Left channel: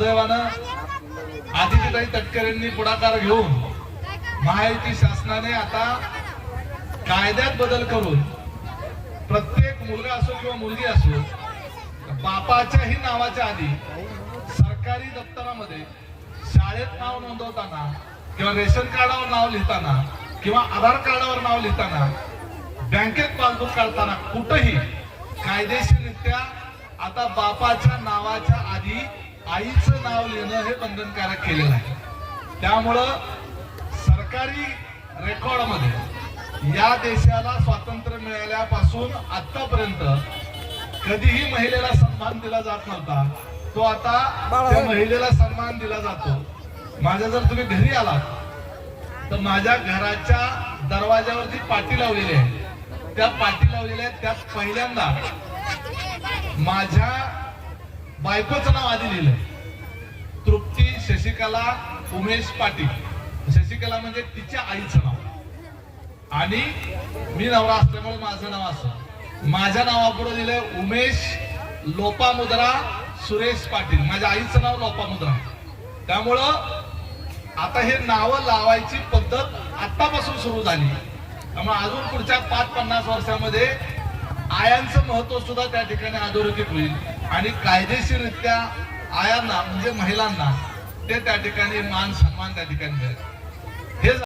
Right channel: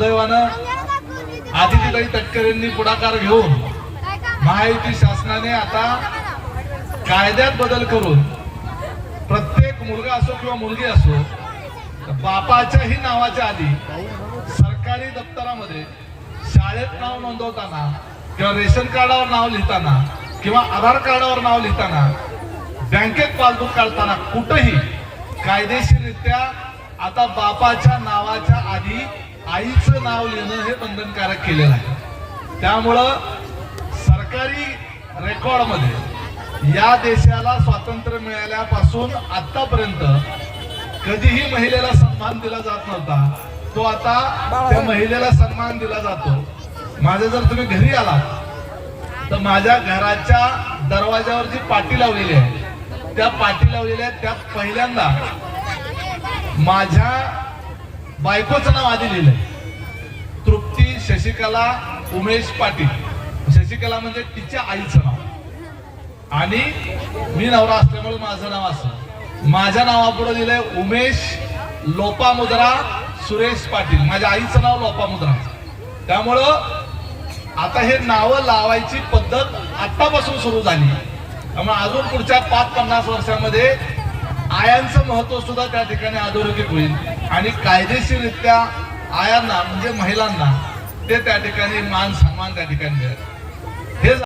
सुदैवानं आदितीताई तटकरेंनी पुढाकार घेऊन महायुती शासनाने आता कायद्यात बदल करून प्रत्येक मुलगा असो किंवा मुलगी असो बापाच्याही नावाच्या आधी सरकारी दप्तरामध्ये शाळेत नाव नोंदवताना किंवा रेशन कार्डावर नाव लिहिताना किंवा आधार कार्डावर नाव लिहिताना बँकेत पासबुक काढताना कुठेही कायदेशीररित्या आता बापाच्या नावाच्या आधी आईचं नाव लिहिणं हे बंधनकारक केलेलं आहे. त्यामुळं सरकारी रेकॉर्डमध्ये या देशाला स्वातंत्र्य मिळाल्यापासून आतापर्यंत कधीही महिलेला सन्मान दिला जात नव्हता. तो आता त्या महिलेला सन्मान दिला जातो. माझ्या जर तुम्ही घरी आलात तर माझ्या घराच्या दरवाजावर जी पाटी लावलेली आहे त्या पाटी लावलेल्या आहेत पहिल्यांदा माझ्या बायकोचं नाव आधी लिहिलंय. तृप्ती शशिकला उमेश पाटील. शशिकला म्हणजे तिच्या आईचं नाव. आणि मी नवरा असल्यामुळे माझं नाव असं. माझ्या नावापुढे दिलंय उमेश लोपामुद्रा सुरेश पाटील. माझ्या आईचं नाव लोपामुद्रा. आहे त्यामुळं आता हे नावं लावायची पद्धत आतापासून सुरू झाली. त्यामुळे अजून पुढच्या पाच पन्नास वर्षामध्ये आयांचं महत्त्व सुद्धा त्या ठिकाणी अधोरेखित होईल. आणि कायदेशीररित्या आयांना म्हणजे महिलांना ते त्या ठिकाणी मान सन्मान त्या ठिकाणी मिळेल.